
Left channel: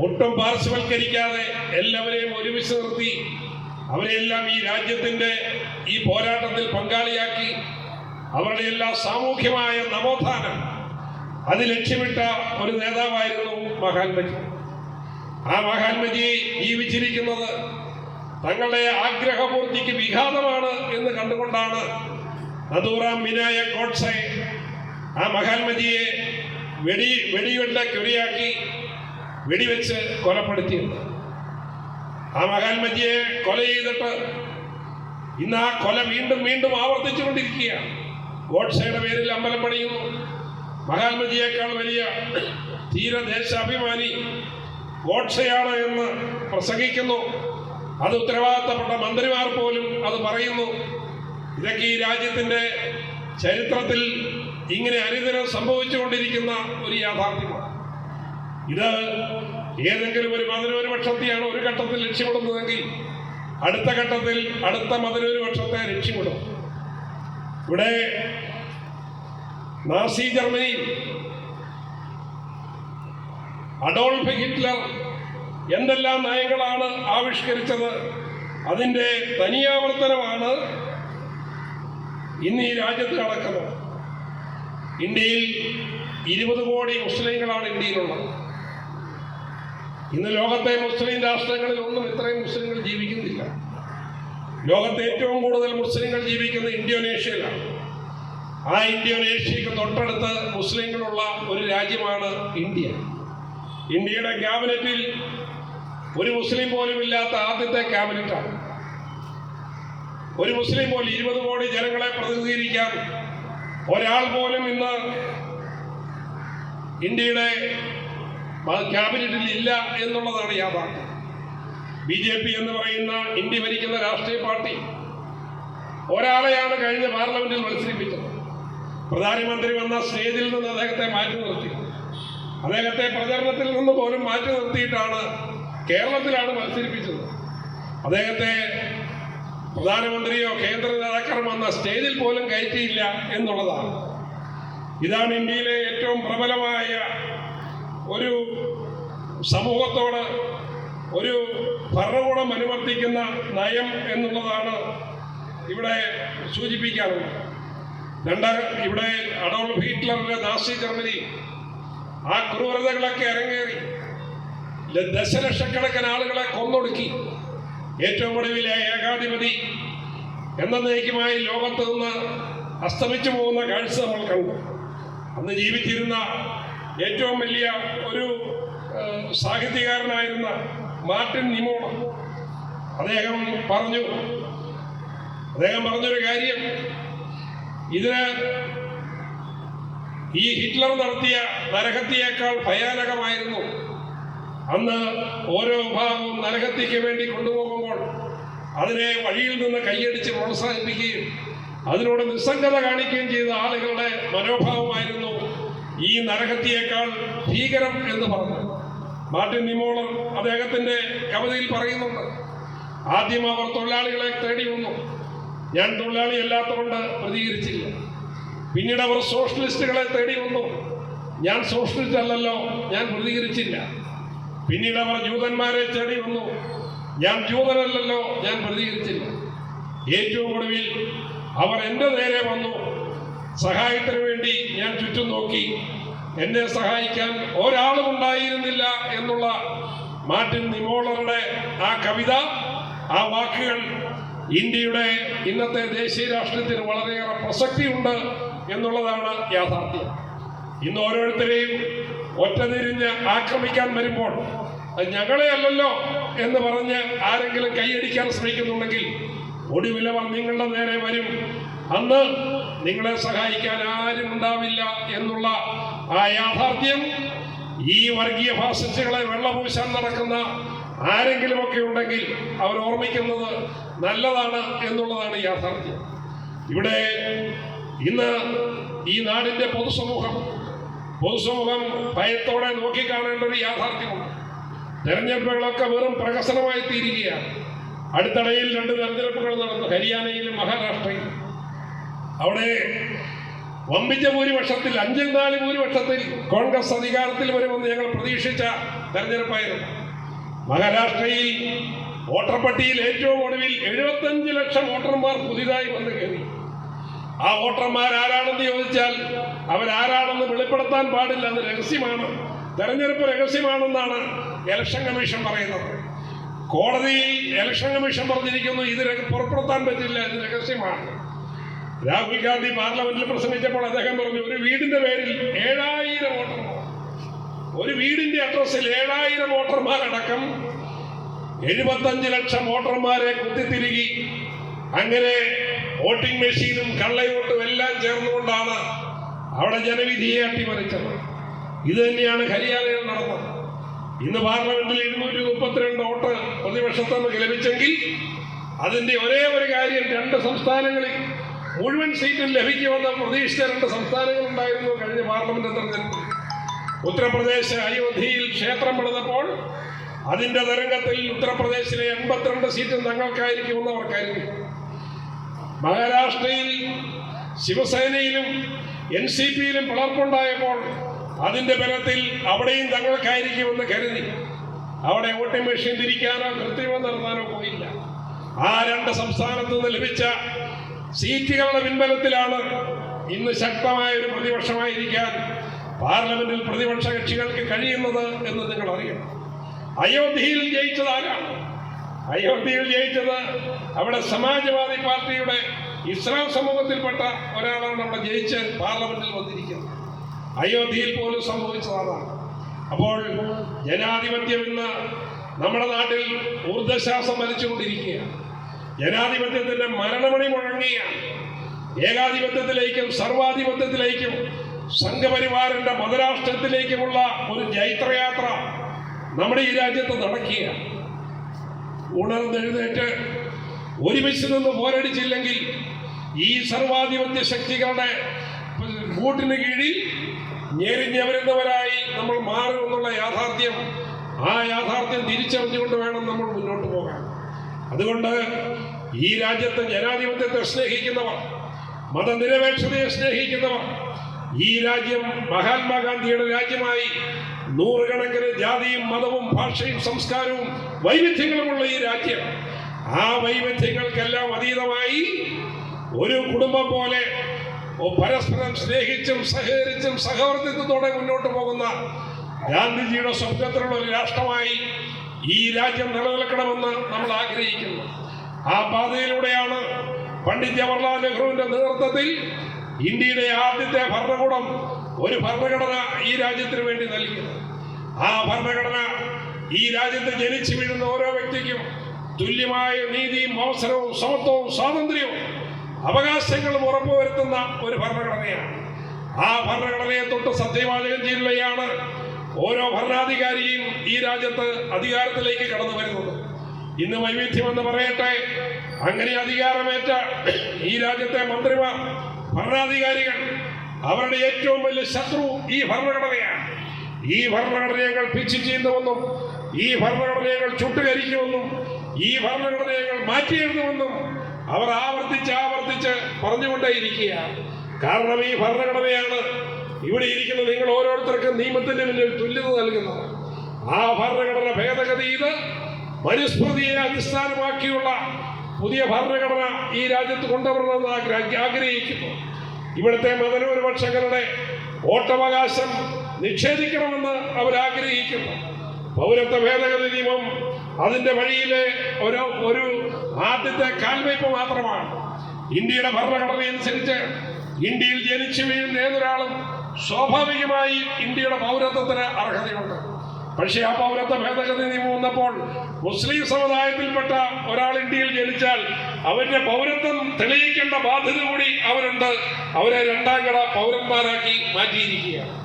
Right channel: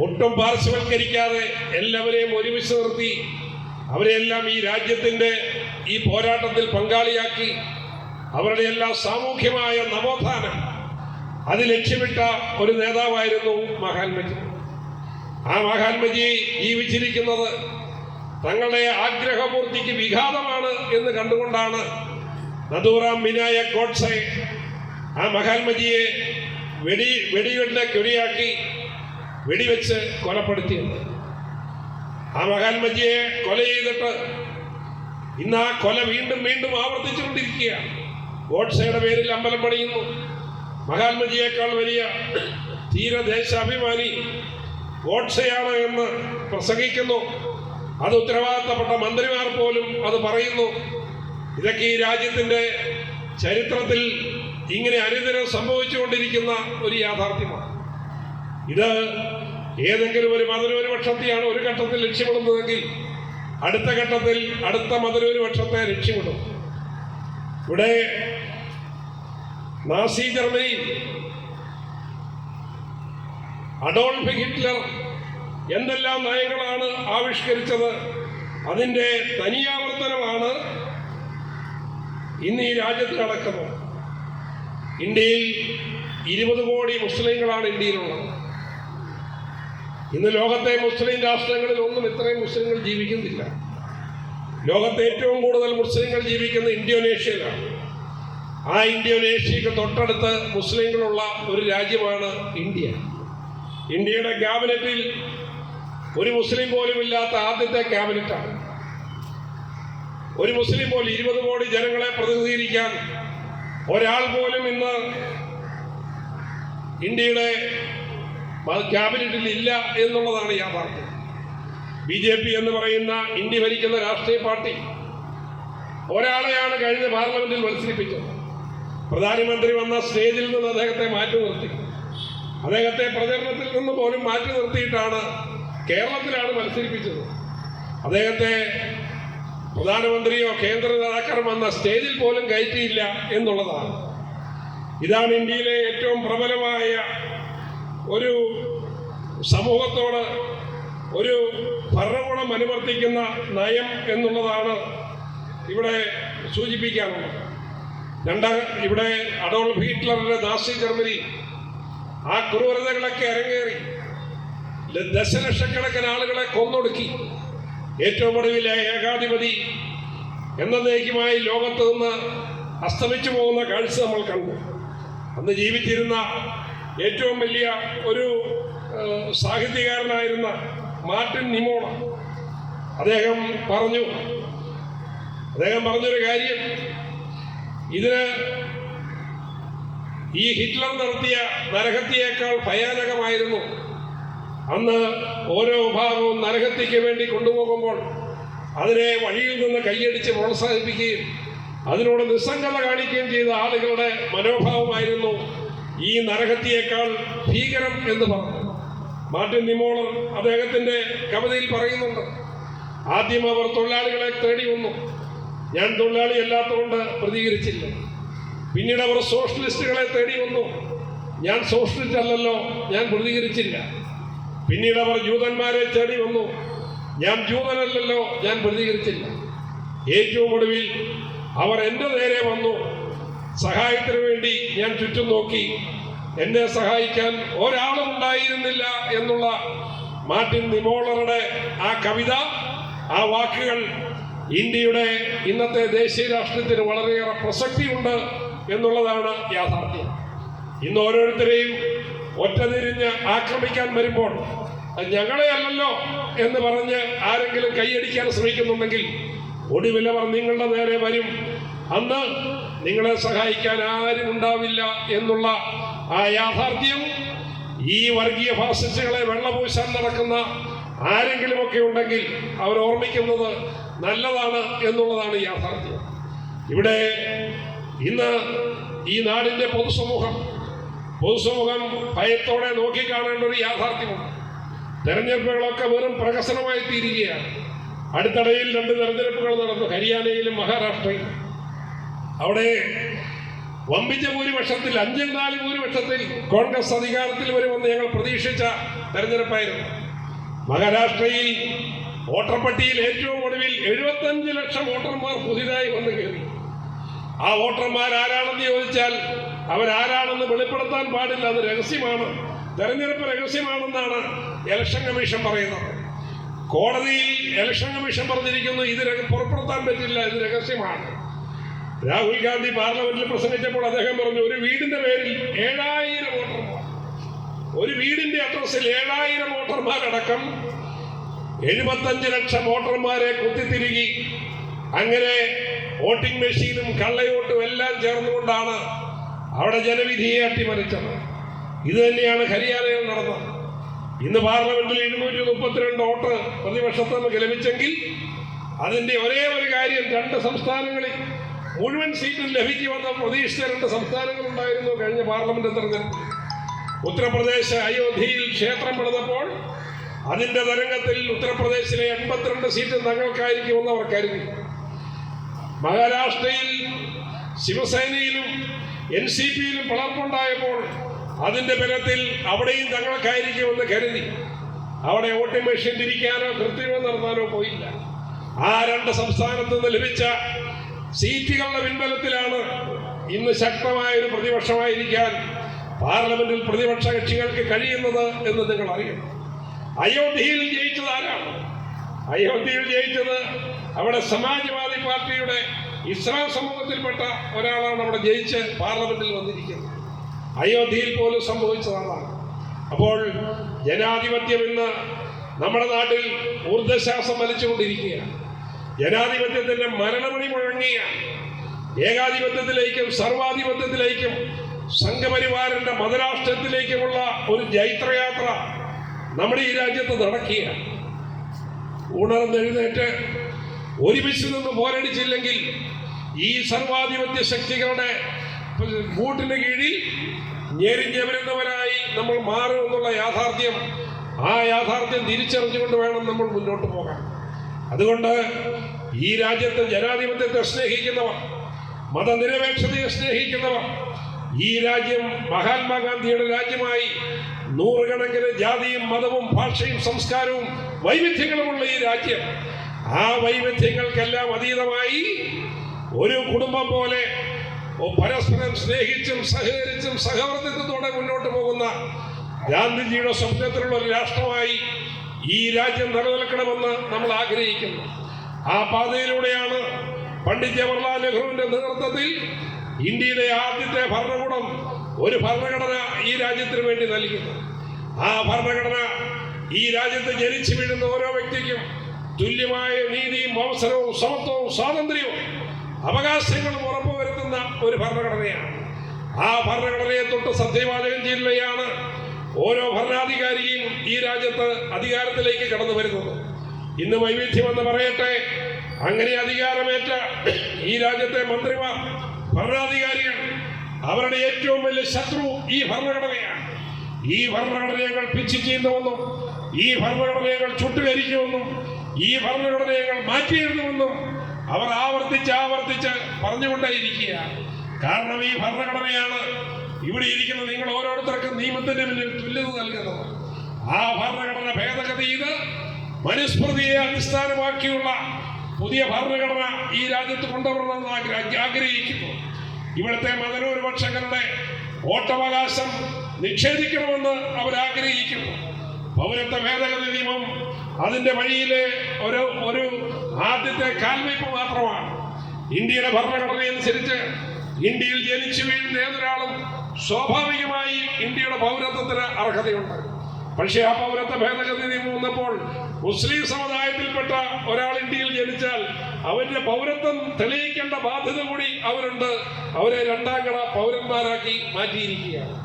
ഒട്ടും പാർശ്വവൽക്കരിക്കാതെ എല്ലാവരെയും ഒരുമിച്ച് നിർത്തി. അവരെയെല്ലാം ഈ രാജ്യത്തിന്റെ ഈ പോരാട്ടത്തിൽ പങ്കാളിയാക്കി. അവരുടെ എല്ലാ സാമൂഹ്യമായ നവോത്ഥാനം. അത് ലക്ഷ്യമിട്ട ഒരു നേതാവായിരുന്നു മഹാത്മജി. ആ മഹാത്മജി ജീവിച്ചിരിക്കുന്നത് തങ്ങളുടെ ആഗ്രഹപൂർത്തിക്ക് വിഘാതമാണ് എന്ന് കണ്ടുകൊണ്ടാണ് നദൂറാം വിനായ ഗോഡ്സെ ആ മഹാത്മജിയെ വെടി വെടിവെട്ട കുരിയാക്കി വെടിവെച്ച് കൊലപ്പെടുത്തിയത്. ആ മഹാത്മജിയെ കൊല ചെയ്തിട്ട് ഇന്ന് ആ കൊല വീണ്ടും വീണ്ടും ആവർത്തിച്ചുകൊണ്ടിരിക്കുകയാണ്. ഗോഡ്സയുടെ പേരിൽ അമ്പലം പണിയുന്നു. മഹാത്മജിയേക്കാൾ വലിയ തീരദേശാഭിമാനി ഗോഡ്സയാണ് എന്ന് പ്രസംഗിക്കുന്നു. അത് ഉത്തരവാദിത്തപ്പെട്ട മന്ത്രിമാർ പോലും അത് പറയുന്നു. ഇതൊക്കെ ഈ രാജ്യത്തിന്റെ ചരിത്രത്തിൽ ഇങ്ങനെ അനുദിനം സംഭവിച്ചുകൊണ്ടിരിക്കുന്ന ഒരു യാഥാർത്ഥ്യമാണ്. ഇത് ഏതെങ്കിലും ഒരു മതന്യൂനപക്ഷത്തെയാണ് ഒരു ഘട്ടത്തിൽ ലക്ഷ്യമിടുന്നതെങ്കിൽ അടുത്ത ഘട്ടത്തിൽ അടുത്ത മതന്യൂനപക്ഷത്തെ ലക്ഷ്യമിടും ഇവിടെ നാസി ജർമ്മനി അഡോൾഫ് ഹിറ്റ്ലർ എന്തെല്ലാം നയങ്ങളാണ് ആവിഷ്കരിച്ചത് അതിന്റെ തനിയാവർത്തനമാണ് ഇന്ന് ഈ രാജ്യത്ത് നടക്കുന്നത് ഇന്ത്യയിൽ ഇരുപത് കോടി മുസ്ലിങ്ങളാണ് ഇന്ത്യയിലുള്ളത്. ഇന്ന് ലോകത്തെ മുസ്ലിം രാഷ്ട്രങ്ങളിൽ ഒന്നും ഇത്രയും മുസ്ലിങ്ങൾ ജീവിക്കുന്നില്ല. ലോകത്തെ ഏറ്റവും കൂടുതൽ മുസ്ലിങ്ങൾ ജീവിക്കുന്നത് ഇന്തോനേഷ്യയിലാണ്. ആ ഇന്തോനേഷ്യക്ക് തൊട്ടടുത്ത് മുസ്ലിങ്ങളുള്ള ഒരു രാജ്യമാണ് ഇന്ത്യ. ഇന്ത്യയുടെ ക്യാബിനറ്റിൽ ഒരു മുസ്ലിം പോലും ഇല്ലാത്ത ആദ്യത്തെ ക്യാബിനറ്റാണ്. ഒരു മുസ്ലിം പോലും ഇരുപത് കോടി ജനങ്ങളെ പ്രതിനിധീകരിക്കാൻ ഒരാൾ പോലും ഇന്ന് ഇന്ത്യയുടെ ക്യാബിനറ്റിൽ ഇല്ല എന്നുള്ളതാണ് യാഥാർത്ഥ്യം. ബി ജെ പി എന്ന് പറയുന്ന ഇന്ത്യ ഭരിക്കുന്ന രാഷ്ട്രീയ പാർട്ടി ഒരാളെയാണ് കഴിഞ്ഞ പാർലമെന്റിൽ മത്സരിപ്പിച്ചത്. പ്രധാനമന്ത്രി വന്ന സ്റ്റേജിൽ നിന്ന് അദ്ദേഹത്തെ മാറ്റി നിർത്തി. അദ്ദേഹത്തെ പ്രചരണത്തിൽ നിന്ന് പോലും മാറ്റി നിർത്തിയിട്ടാണ് കേരളത്തിലാണ് മത്സരിപ്പിച്ചത്. അദ്ദേഹത്തെ പ്രധാനമന്ത്രിയോ കേന്ദ്ര നേതാക്കളും വന്ന സ്റ്റേജിൽ പോലും കയറ്റിയില്ല എന്നുള്ളതാണ്. ഇതാണ് ഇന്ത്യയിലെ ഏറ്റവും പ്രബലമായ ഒരു സമൂഹത്തോട് ഒരു ഭരണകൂടം അനുവർത്തിക്കുന്ന നയം എന്നുള്ളതാണ് ഇവിടെ സൂചിപ്പിക്കാറുള്ളത് രണ്ട ഇവിടെ അഡോൾഫ് ഹിറ്റ്ലറിന്റെ നാസി ജർമ്മനി ആ ക്രൂരതകളൊക്കെ ഇറങ്ങേറി ദശലക്ഷക്കണക്കിന് ആളുകളെ കൊന്നൊടുക്കി. ഏറ്റവും ഒടുവിലെ ഏകാധിപതി എന്നേക്കുമായി ലോകത്ത് നിന്ന് അസ്തമിച്ചു പോകുന്ന കാഴ്ച നമ്മൾ കണ്ടു. അന്ന് ജീവിച്ചിരുന്ന ഏറ്റവും വലിയ ഒരു സാഹിത്യകാരനായിരുന്ന മാർട്ടിൻ നിമോണ അദ്ദേഹം പറഞ്ഞു അദ്ദേഹം പറഞ്ഞൊരു കാര്യം. ഇതിന് ഈ ഹിറ്റ്ലർ നടത്തിയ നരഹത്യയേക്കാൾ ഭയാനകമായിരുന്നു. അന്ന് ഓരോ വിഭാഗവും നരഹത്യയ്ക്ക് വേണ്ടി കൊണ്ടുപോകുമ്പോൾ അതിനെ വഴിയിൽ നിന്ന് കൈയടിച്ച് പ്രോത്സാഹിപ്പിക്കുകയും അതിനോട് നിസ്സംഗത കാണിക്കുകയും ചെയ്ത ആളുകളുടെ മനോഭാവമായിരുന്നു ഈ നരഹത്യയേക്കാൾ ഭീകരം എന്ന് പറഞ്ഞു മാർട്ടിൻ നിമോളം അദ്ദേഹത്തിന്റെ കവിതയിൽ പറയുന്നുണ്ട് ആദ്യം അവർ തൊഴിലാളികളെ തേടി വന്നു. ഞാൻ തൊഴിലാളി അല്ലാത്തതുകൊണ്ട് പ്രതികരിച്ചില്ല. പിന്നീട് അവർ സോഷ്യലിസ്റ്റുകളെ തേടി വന്നു. ഞാൻ സോഷ്യലിസ്റ്റ് അല്ലല്ലോ ഞാൻ പ്രതികരിച്ചില്ല. പിന്നീട് അവർ ജൂതന്മാരെ തേടി വന്നു. ഞാൻ ജൂതനല്ലല്ലോ ഞാൻ പ്രതികരിച്ചില്ല. ഏറ്റവും ഒടുവിൽ അവർ എന്റെ നേരെ വന്നു. സഹായത്തിന് വേണ്ടി ഞാൻ ചുറ്റും നോക്കി. എന്നെ സഹായിക്കാൻ ഒരാളും ഉണ്ടായിരുന്നില്ല എന്നുള്ള മാർട്ടിൻ നിമോളറുടെ ആ കവിത ആ വാക്കുകൾ ഇന്ത്യയുടെ ഇന്നത്തെ ദേശീയ രാഷ്ട്രീയത്തിന് വളരെയേറെ പ്രസക്തിയുണ്ട് എന്നുള്ളതാണ് യാഥാർത്ഥ്യം. ഇന്ന് ഓരോരുത്തരെയും ഒറ്റതിരിഞ്ഞ് ആക്രമിക്കാൻ വരുമ്പോൾ ഞങ്ങളെ അല്ലല്ലോ എന്ന് പറഞ്ഞ് ആരെങ്കിലും കൈയടിക്കാൻ ശ്രമിക്കുന്നുണ്ടെങ്കിൽ ഒടുവിലവർ നിങ്ങളുടെ നേരെ വരും. അന്ന് നിങ്ങളെ സഹായിക്കാൻ ആരും ഉണ്ടാവില്ല എന്നുള്ള ആ യാഥാർത്ഥ്യം ഈ വർഗീയ ഫാസിസ്റ്റുകളെ വെള്ളപൂശാൻ നടക്കുന്ന ആരെങ്കിലുമൊക്കെ ഉണ്ടെങ്കിൽ അവർ ഓർമ്മിക്കുന്നത് നല്ലതാണ് എന്നുള്ളതാണ് യാഥാർത്ഥ്യം. ഇവിടെ ഇന്ന് ഈ നാടിന്റെ പൊതുസമൂഹം പൊതുസമൂഹം ഭയത്തോടെ നോക്കിക്കാണേണ്ട ഒരു യാഥാർത്ഥ്യമാണ്. തെരഞ്ഞെടുപ്പുകളൊക്കെ വെറും പ്രഹസനമായി തീരുകയാണ്. അടുത്തിടയിൽ രണ്ട് തെരഞ്ഞെടുപ്പുകൾ നടന്നു ഹരിയാനയിലും മഹാരാഷ്ട്രയിലും. അവിടെ വമ്പിച്ച ഭൂരിപക്ഷത്തിൽ അഞ്ചിൽ നാല് ഭൂരിപക്ഷത്തിൽ കോൺഗ്രസ് അധികാരത്തിൽ വരുമെന്ന് ഞങ്ങൾ പ്രതീക്ഷിച്ച തെരഞ്ഞെടുപ്പായിരുന്നു. മഹാരാഷ്ട്രയിൽ വോട്ടർപട്ടിയിൽ ഏറ്റവും ഒടുവിൽ എഴുപത്തഞ്ച് ലക്ഷം വോട്ടർമാർ പുതിയതായി വന്നു കയറി. ആ വോട്ടർമാർ ആരാണെന്ന് ചോദിച്ചാൽ അവരാരാണെന്ന് വെളിപ്പെടുത്താൻ പാടില്ല അത് രഹസ്യമാണ്. തെരഞ്ഞെടുപ്പ് രഹസ്യമാണെന്നാണ് ഇലക്ഷൻ കമ്മീഷൻ പറയുന്നത്. കോടതിയിൽ ഇലക്ഷൻ കമ്മീഷൻ പറഞ്ഞിരിക്കുന്നു ഇത് പുറപ്പെടുത്താൻ പറ്റില്ല ഇത് രഹസ്യമാണ്. രാഹുൽ ഗാന്ധി പാർലമെന്റിൽ പ്രസംഗിച്ചപ്പോൾ അദ്ദേഹം പറഞ്ഞു ഒരു വീടിന്റെ പേരിൽ ഏഴായിരം വോട്ടർമാർ ഒരു വീടിന്റെ അഡ്രസ്സിൽ ഏഴായിരം വോട്ടർമാരടക്കം എഴുപത്തഞ്ച് ലക്ഷം വോട്ടർമാരെ കുത്തിത്തിരുകി അങ്ങനെ വോട്ടിംഗ് മെഷീനും കള്ളയോട്ടും എല്ലാം ചേർന്നുകൊണ്ടാണ് അവിടെ ജനവിധിയെ അട്ടിമറിച്ചത്. ഇത് തന്നെയാണ് ഹരിയാനയിൽ നടന്നത്. ഇന്ന് പാർലമെന്റിൽ ഇരുന്നൂറ്റി മുപ്പത്തിരണ്ട് വോട്ട് പ്രതിപക്ഷത്ത് നിന്ന് ലഭിച്ചെങ്കിൽ അതിന്റെ ഒരേ ഒരു കാര്യം രണ്ട് സംസ്ഥാനങ്ങളിൽ മുഴുവൻ സീറ്റും ലഭിക്കുമെന്ന പ്രതീക്ഷിച്ച രണ്ട് സംസ്ഥാനങ്ങളുണ്ടായിരുന്നു കഴിഞ്ഞ പാർലമെന്റ് തെരഞ്ഞെടുപ്പ്. ഉത്തർപ്രദേശ് അയോധ്യയിൽ ക്ഷേത്രം പണിതപ്പോൾ അതിന്റെ തരംഗത്തിൽ ഉത്തർപ്രദേശിലെ എൺപത്തിരണ്ട് സീറ്റും തങ്ങൾക്കായിരിക്കുമെന്ന് അവർ കരുതി മഹാരാഷ്ട്രയിൽ ശിവസേനയിലും എൻ സി പിയിലും പിളർപ്പുണ്ടായപ്പോൾ അതിന്റെ ബലത്തിൽ അവിടെയും തങ്ങൾക്കായിരിക്കുമെന്ന് കരുതി. അവിടെ വോട്ടിംഗ് മെഷീൻ തിരിക്കാനോ കൃത്രിമം നടത്താനോ പോയില്ല. ആ രണ്ട് സംസ്ഥാനത്ത് നിന്ന് ലഭിച്ച സീറ്റുകളുടെ പിൻബലത്തിലാണ് ഇന്ന് ശക്തമായ ഒരു പ്രതിപക്ഷമായിരിക്കാൻ പാർലമെന്റിൽ പ്രതിപക്ഷ കക്ഷികൾക്ക് കഴിയുന്നത് എന്ന് നിങ്ങൾ അറിയണം. അയോധ്യയിൽ ജയിച്ചത് ആരാണ്? അയോധ്യയിൽ ജയിച്ചത് അവിടെ സമാജ്വാദി പാർട്ടിയുടെ ഇസ്ലാം സമൂഹത്തിൽപ്പെട്ട ഒരാളാണ് അവിടെ ജയിച്ച് പാർലമെന്റിൽ വന്നിരിക്കുന്നത്. അയോധ്യയിൽ പോലും സംഭവിച്ചതാണ്. അപ്പോൾ ജനാധിപത്യം ഇന്ന് നമ്മുടെ നാട്ടിൽ ഊർജശ്വാസം വലിച്ചുകൊണ്ടിരിക്കുകയാണ്. ജനാധിപത്യത്തിന്റെ മരണമണി മുഴങ്ങുകയാണ്. ഏകാധിപത്യത്തിലേക്കും സർവാധിപത്യത്തിലേക്കും സംഘപരിവാരന്റെ മതരാഷ്ട്രത്തിലേക്കുമുള്ള ഒരു ജൈത്രയാത്ര നമ്മുടെ ഈ രാജ്യത്ത് നടക്കുകയാണ്. ഉണർന്നെഴുന്നേറ്റ് ഒരുമിച്ച് നിന്ന് പോരടിച്ചില്ലെങ്കിൽ ഈ സർവാധിപത്യ ശക്തികളുടെ കൂട്ടിന് കീഴിൽ ഞെരിഞ്ഞവരുന്നവരായി നമ്മൾ മാറുമെന്നുള്ള യാഥാർത്ഥ്യം ആ യാഥാർത്ഥ്യം തിരിച്ചറിഞ്ഞുകൊണ്ട് വേണം നമ്മൾ മുന്നോട്ട് പോകാൻ. അതുകൊണ്ട് ഈ രാജ്യത്തെ ജനാധിപത്യത്തെ സ്നേഹിക്കുന്നവർ മതനിരപേക്ഷതയെ സ്നേഹിക്കുന്നവർ ഈ രാജ്യം മഹാത്മാഗാന്ധിയുടെ രാജ്യമായി നൂറുകണക്കിന് ജാതിയും മതവും ഭാഷയും സംസ്കാരവും വൈവിധ്യങ്ങളുമുള്ള ഈ രാജ്യം ആ വൈവിധ്യങ്ങൾക്കെല്ലാം അതീതമായി ഒരു കുടുംബം പോലെ പരസ്പരം സ്നേഹിച്ചും സഹകരിച്ചും സഹവർത്തിത്വത്തോടെ മുന്നോട്ട് പോകുന്ന ഗാന്ധിജിയുടെ സ്വപ്നത്തിലുള്ള ഒരു രാഷ്ട്രമായി ഈ രാജ്യം നിലനിൽക്കണമെന്ന് നമ്മൾ ആഗ്രഹിക്കുന്നു. ആ പാതയിലൂടെയാണ് പണ്ഡിറ്റ് ജവഹർലാൽ നെഹ്റുവിന്റെ നേതൃത്വത്തിൽ ഇന്ത്യയുടെ ആദ്യത്തെ ഭരണകൂടം ഒരു ഭരണഘടന ഈ രാജ്യത്തിന് വേണ്ടി നൽകിയത്. ആ ഭരണഘടന ഈ രാജ്യത്ത് ജനിച്ചു വീഴുന്ന ഓരോ വ്യക്തിക്കും തുല്യമായ നീതിയും അവസരവും സമത്വവും സ്വാതന്ത്ര്യവും അവകാശങ്ങളും ഉറപ്പുവരുത്തുന്ന ഒരു ഭരണഘടനയാണ്. ആ ഭരണഘടനയെ തൊട്ട് സത്യവാചകം ചെയ്യുകയാണ് ഓരോ ഭരണാധികാരിയും ഈ രാജ്യത്ത് അധികാരത്തിലേക്ക് കടന്നു വരുന്നത്. ഇന്ന് വൈവിധ്യമെന്ന് പറയട്ടെ അങ്ങനെ അധികാരമേറ്റ ഈ രാജ്യത്തെ മന്ത്രിമാർ ഭരണാധികാരികൾ അവരുടെ ഏറ്റവും വലിയ ശത്രു ഈ ഭരണഘടനയാണ്. ഈ ഭരണഘടനകൾ പിച്ച് ചെയ്യുന്നുവെന്നും ഈ ഭരണഘടനകൾ ചുട്ടുകരിക്കുമെന്നും ഈ ഭരണഘടനകൾ മാറ്റിയെഴുതുമെന്നും അവർ ആവർത്തിച്ച് ആവർത്തിച്ച് പറഞ്ഞുകൊണ്ടേയിരിക്കുക കാരണം ഈ ഭരണഘടനയാണ് ഇവിടെ ഇരിക്കുന്ന നിങ്ങൾ ഓരോരുത്തർക്കും നിയമത്തിന്റെ മുന്നിൽ തുല്യത നൽകുന്നത്. ആ ഭരണഘടന ഭേദഗതി ഇത് മനുസ്മൃതിയെ അടിസ്ഥാനമാക്കിയുള്ള പുതിയ ഭരണഘടന ഈ രാജ്യത്ത് കൊണ്ടുവരണമെന്ന് ആഗ്ര- ആഗ്രഹിക്കുന്നു. ഇവിടുത്തെ മതന്യൂനപക്ഷങ്ങളുടെ വോട്ടവകാശം നിഷേധിക്കണമെന്ന് അവർ ആഗ്രഹിക്കുന്നു പൗരത്വ ഭേദഗതി നിയമം അതിന്റെ വഴിയിലെ ഒരു ഒരു ആദ്യത്തെ കാൽവയ്പ് മാത്രമാണ്. ഇന്ത്യയുടെ ഭരണഘടനയനുസരിച്ച് ഇന്ത്യയിൽ ജനിച്ചു വീഴുന്ന ഏതൊരാളും സ്വാഭാവികമായി ഇന്ത്യയുടെ പൗരത്വത്തിന് അർഹതയുണ്ട്. പക്ഷേ ആ പൗരത്വ ഭേദഗതി നിയമം വന്നപ്പോൾ മുസ്ലിം സമുദായത്തിൽപ്പെട്ട ഒരാൾ ഇന്ത്യയിൽ ജനിച്ചാൽ അവരുടെ പൗരത്വം തെളിയിക്കേണ്ട ബാധ്യത കൂടി അവരുണ്ട്. അവരെ രണ്ടാം കട പൗരന്മാരാക്കി മാറ്റിയിരിക്കുകയാണ്.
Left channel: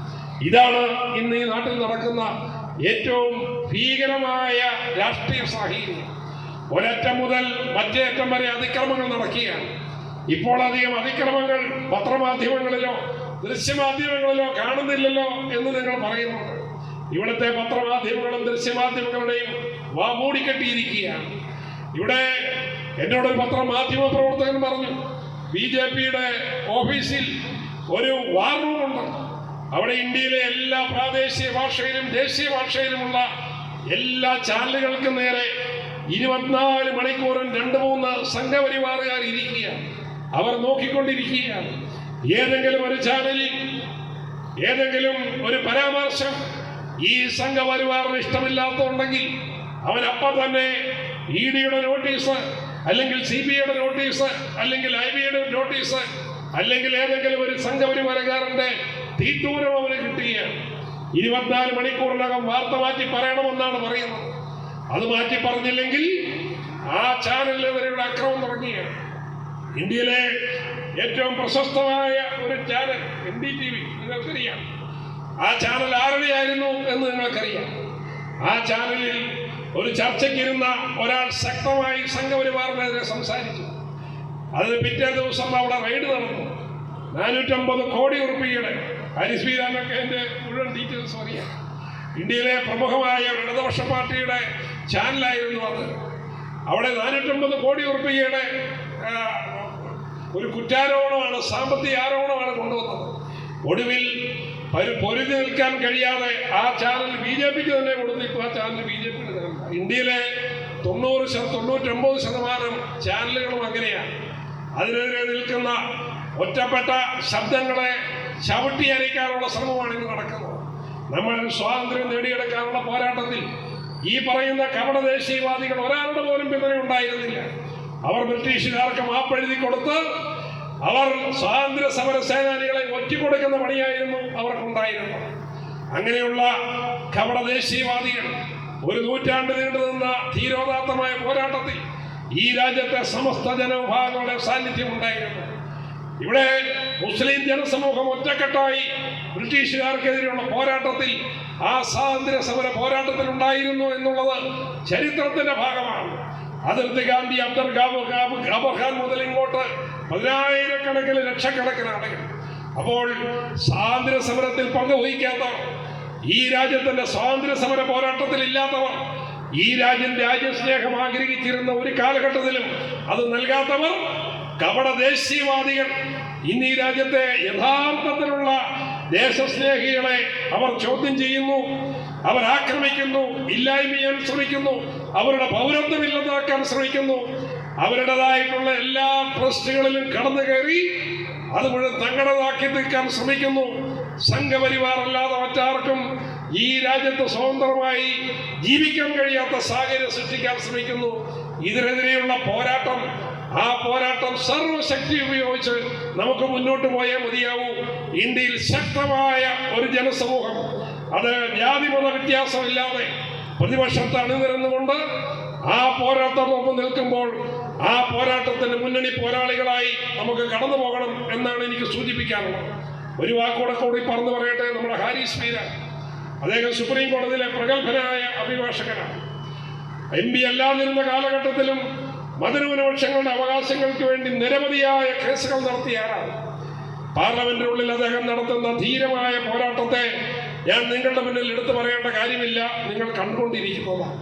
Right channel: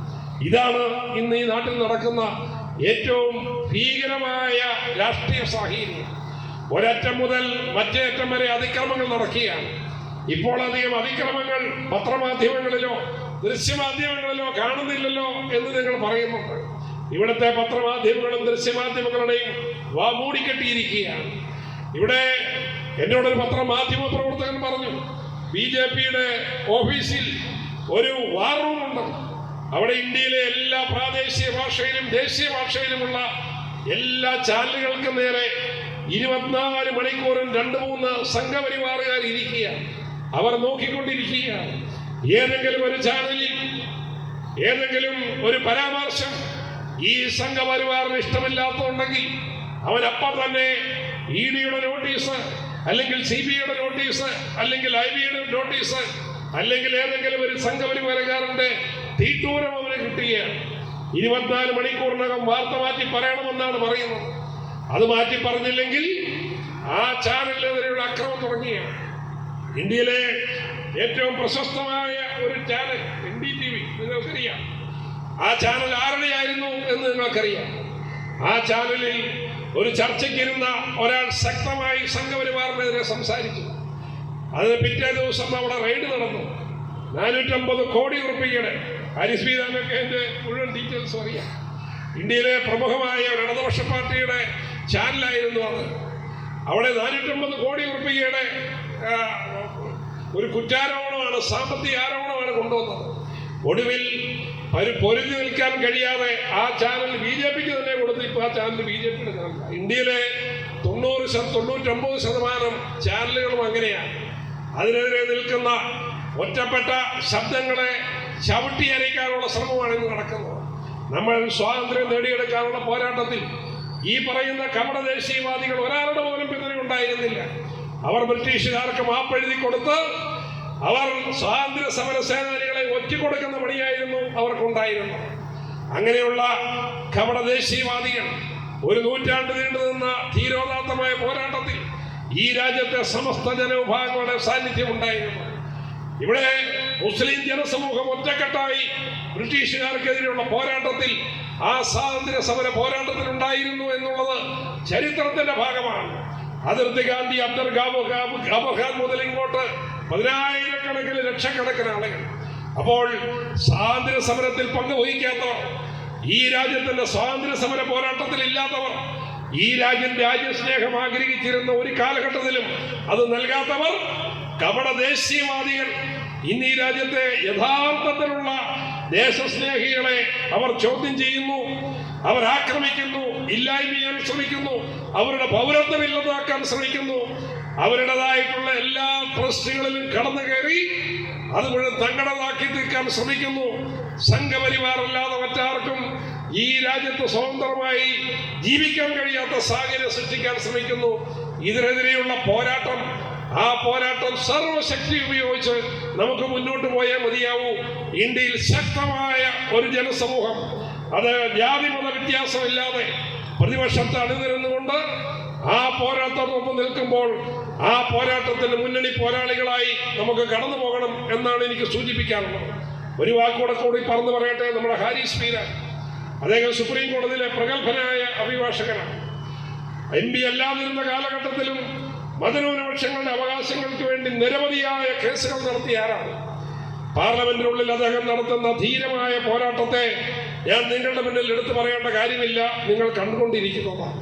ഇതാണ് ഇന്ന് ഈ നാട്ടിൽ നടക്കുന്ന ഏറ്റവും ഭീകരമായ രാഷ്ട്രീയ സാഹചര്യം ഒരറ്റം മുതൽ മറ്റേ അറ്റം വരെ അതിക്രമങ്ങൾ നടക്കുകയാണ്. ഇപ്പോൾ അധികം അതിക്രമങ്ങൾ പത്രമാധ്യമങ്ങളിലോ ദൃശ്യമാധ്യമങ്ങളിലോ കാണുന്നില്ലല്ലോ എന്ന് നിങ്ങൾ പറയുന്നു ഇവിടുത്തെ പത്രമാധ്യമങ്ങളും ദൃശ്യമാധ്യമങ്ങളുടെയും വാ മൂടിക്കെട്ടിയിരിക്കുകയാണ്. ഇവിടെ എന്നോടൊരു പത്രമാധ്യമ പ്രവർത്തകൻ പറഞ്ഞു ബി ജെ പിയുടെ ഓഫീസിൽ ഒരു വാർ റൂമുണ്ട്. അവിടെ ഇന്ത്യയിലെ എല്ലാ പ്രാദേശിക ഭാഷയിലും ദേശീയ ഭാഷയിലുമുള്ള എല്ലാ ചാനലുകൾക്കും നേരെ ഇരുപത്തിനാല് മണിക്കൂറും രണ്ട് മൂന്ന് സംഘപരിവാറുകാർ ഇരിക്കുകയാണ്. അവർ നോക്കിക്കൊണ്ടിരിക്കുകയാണ്. ഏതെങ്കിലും ഒരു ചാനലിൽ ഏതെങ്കിലും ഒരു പരാമർശം ഈ സംഘപരിവാറിന് ഇഷ്ടമില്ലാത്തതുണ്ടെങ്കിൽ അവൻ അപ്പം തന്നെ ഇ ഡിയുടെ നോട്ടീസ് അല്ലെങ്കിൽ സി ബി ഐയുടെ നോട്ടീസ് അല്ലെങ്കിൽ ഐ ബിയുടെ നോട്ടീസ് അല്ലെങ്കിൽ ഏതെങ്കിലും ഒരു സംഘപരിവാരക്കാരന്റെ തീട്ടൂരം അവന് കിട്ടുകയാണ് ഇരുപത്തിനാല് മണിക്കൂറിനകം വാർത്ത മാറ്റി പറയണമെന്നാണ് പറയുന്നത്. അത് മാറ്റി പറഞ്ഞില്ലെങ്കിൽ ആ ചാനലിനെതിരെയുള്ള അക്രമം തുടങ്ങിയാണ്. ഇന്ത്യയിലെ ഏറ്റവും പ്രശസ്തമായ ഒരു channel N D T V നിങ്ങൾക്കറിയാം. ആ ചാനൽ ആരുടെയായിരുന്നു എന്ന് നിങ്ങൾക്കറിയാം. ആ ചാനലിൽ ഒരു ചർച്ചയ്ക്കിരുന്ന ഒരാൾ ശക്തമായി സംഘപരിവാറിനെതിരെ സംസാരിച്ചു. അതിന് പിറ്റേ ദിവസം അവിടെ റെയ്ഡ് നടന്നു. നാനൂറ്റമ്പത് കോടി ഉറുപ്പികയുടെ ഹരിശ്രീരാമൊക്കെ എന്റെ മുഴുവൻ ഡീറ്റെയിൽസ് അറിയാം. ഇന്ത്യയിലെ പ്രമുഖമായ ഒരു ഇടതുപക്ഷ പാർട്ടിയുടെ ചാനലായിരുന്നു അത്. അവിടെ നാനൂറ്റമ്പത് കോടി ഉറുപ്പികയുടെ ഒരു കുറ്റാരോപണമാണ് സാമ്പത്തിക ആരോപണമാണ് കൊണ്ടുവന്നത്. ഒടുവിൽ ഒരു പൊരുതി നിൽക്കാൻ കഴിയാതെ ആ ചാനൽ ബി ജെ പിക്ക് തന്നെ കൊടുത്ത് ഇപ്പോൾ ആ ചാനൽ ബി ജെ പിയുടെ ഇന്ത്യയിലെ തൊണ്ണൂറ് തൊണ്ണൂറ്റൊമ്പത് ശതമാനം ചാനലുകളും അങ്ങനെയാണ്. അതിനെതിരെ നിൽക്കുന്ന ഒറ്റപ്പെട്ട ശബ്ദങ്ങളെ ചവിട്ടി അരയ്ക്കാനുള്ള ശ്രമമാണ് ഇന്ന് നടക്കുന്നത്. നമ്മൾ സ്വാതന്ത്ര്യം നേടിയെടുക്കാനുള്ള പോരാട്ടത്തിൽ ഈ പറയുന്ന കപട ദേശീയവാദികൾ ഒരാളുടെ പോലും പിന്തുണ ഉണ്ടായിരുന്നില്ല. അവർ ബ്രിട്ടീഷുകാർക്ക് മാപ്പെഴുതി കൊടുത്ത് അവർ സ്വാതന്ത്ര്യ സമര സേനാനികളെ ഒറ്റിക്കൊടുക്കുന്ന പണിയായിരുന്നു അവർക്കുണ്ടായിരുന്നത്. അങ്ങനെയുള്ള കപട ദേശീയവാദികൾ ഒരു നൂറ്റാണ്ട് നീണ്ടുനിന്ന ധീരോദാത്തമായ പോരാട്ടത്തിൽ ഈ രാജ്യത്തെ സമസ്ത ജനവിഭാഗങ്ങളുടെ സാന്നിധ്യം ഉണ്ടായിരുന്നു. ഇവിടെ മുസ്ലിം ജനസമൂഹം ഒറ്റക്കെട്ടായി ബ്രിട്ടീഷുകാർക്കെതിരെയുള്ള പോരാട്ടത്തിൽ ആ സ്വാതന്ത്ര്യ സമര പോരാട്ടത്തിൽ ഉണ്ടായിരുന്നു എന്നുള്ളത് ചരിത്രത്തിന്റെ ഭാഗമാണ്. അതിർത്തി ഗാന്ധി അബ്ദുൽ ഖാൻ മുതൽ ഇങ്ങോട്ട് പതിനായിരക്കണക്കിന് ലക്ഷക്കണക്കിന് ആളുകൾ. അപ്പോൾ സ്വാതന്ത്ര്യ സമരത്തിൽ പങ്കുവഹിക്കാത്തവർ ഈ രാജ്യത്തിന്റെ സ്വാതന്ത്ര്യ സമര പോരാട്ടത്തിൽ ഇല്ലാത്തവർ ഈ രാജ്യം രാജ്യസ്നേഹം ആഗ്രഹിച്ചിരുന്ന ഒരു കാലഘട്ടത്തിലും അത് നൽകാത്തവർ കപട ദേശീയവാദികൾ ഇന്ന് ഈ രാജ്യത്തെ യഥാർത്ഥത്തിലുള്ള ദേശസ്നേഹികളെ അവർ ചോദ്യം ചെയ്യുന്നു അവർ ആക്രമിക്കുന്നു ഇല്ലായ്മ ചെയ്യാൻ ശ്രമിക്കുന്നു അവരുടെ പൗരത്വം ഇല്ലാതാക്കാൻ ശ്രമിക്കുന്നു അവരുടേതായിട്ടുള്ള എല്ലാ ട്രസ്റ്റുകളിലും കടന്നു കയറി അത് മുഴുവൻ തങ്ങളുടേതാക്കി തീർക്കാൻ ശ്രമിക്കുന്നു. സംഘപരിവാർ അല്ലാതെ മറ്റാർക്കും ഈ രാജ്യത്ത് സ്വതന്ത്രമായി ജീവിക്കാൻ കഴിയാത്ത സാഹചര്യം സൃഷ്ടിക്കാൻ ശ്രമിക്കുന്നു. ഇതിനെതിരെയുള്ള പോരാട്ടം ആ പോരാട്ടം സർവശക്തി ഉപയോഗിച്ച് നമുക്ക് മുന്നോട്ട് പോയേ മതിയാവൂ. ഇന്ത്യയിൽ ശക്തമായ ഒരു ജനസമൂഹം. അത് ജാതിമത വ്യത്യാസമില്ലാതെ പ്രതിപക്ഷത്തെ അണിനിരന്നുകൊണ്ട് ആ പോരാട്ടത്തോടൊപ്പം നിൽക്കുമ്പോൾ ആ പോരാട്ടത്തിന്റെ മുന്നണി പോരാളികളായി നമുക്ക് കടന്നു പോകണം എന്നാണ് എനിക്ക് സൂചിപ്പിക്കാനുള്ളത് ഒരു വാക്കോടെ കൂടി പറഞ്ഞു പറയട്ടെ നമ്മുടെ ഹാരിസ് മീര അദ്ദേഹം സുപ്രീം കോടതിയിലെ പ്രഗത്ഭനായ അഭിഭാഷകനാണ്. എം പി അല്ലാതിരുന്ന കാലഘട്ടത്തിലും മതന്യൂനപക്ഷങ്ങളുടെ അവകാശങ്ങൾക്ക് വേണ്ടി നിരവധിയായ കേസുകൾ നടത്തിയ ആരാണ്? പാർലമെന്റിനുള്ളിൽ അദ്ദേഹം നടത്തുന്ന ധീരമായ പോരാട്ടത്തെ ഞാൻ നിങ്ങളുടെ മുന്നിൽ എടുത്തു പറയേണ്ട കാര്യമില്ല. നിങ്ങൾ കണ്ടുകൊണ്ടിരിക്കുന്നതാണ്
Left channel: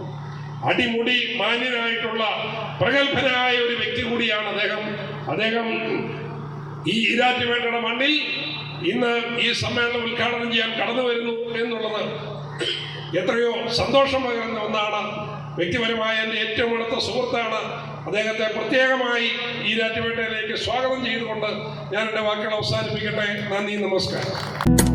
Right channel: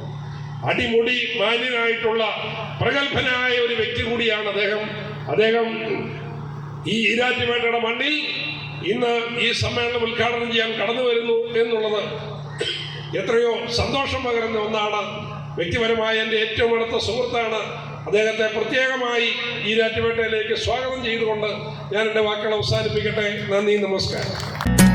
അടിമുടി മാന്യനായിട്ടുള്ള പ്രഗത്ഭനായ ഒരു വ്യക്തി കൂടിയാണ് അദ്ദേഹം. അദ്ദേഹം ഈ ഈരാറ്റുപേട്ടയുടെ മണ്ണിൽ ഇന്ന് ഈ സമ്മേളനം ഉദ്ഘാടനം ചെയ്യാൻ കടന്നു വരുന്നു എന്നുള്ളത് എത്രയോ സന്തോഷം പകരുന്ന ഒന്നാണ്. വ്യക്തിപരമായ എന്റെ ഏറ്റവും അടുത്ത സുഹൃത്താണ് അദ്ദേഹത്തെ പ്രത്യേകമായി ഈ ഈരാറ്റുപേട്ടയിലേക്ക് സ്വാഗതം ചെയ്തുകൊണ്ട് ഞാൻ എന്റെ വാക്കുകൾ അവസാനിപ്പിക്കട്ടെ. നന്ദി നമസ്കാരം.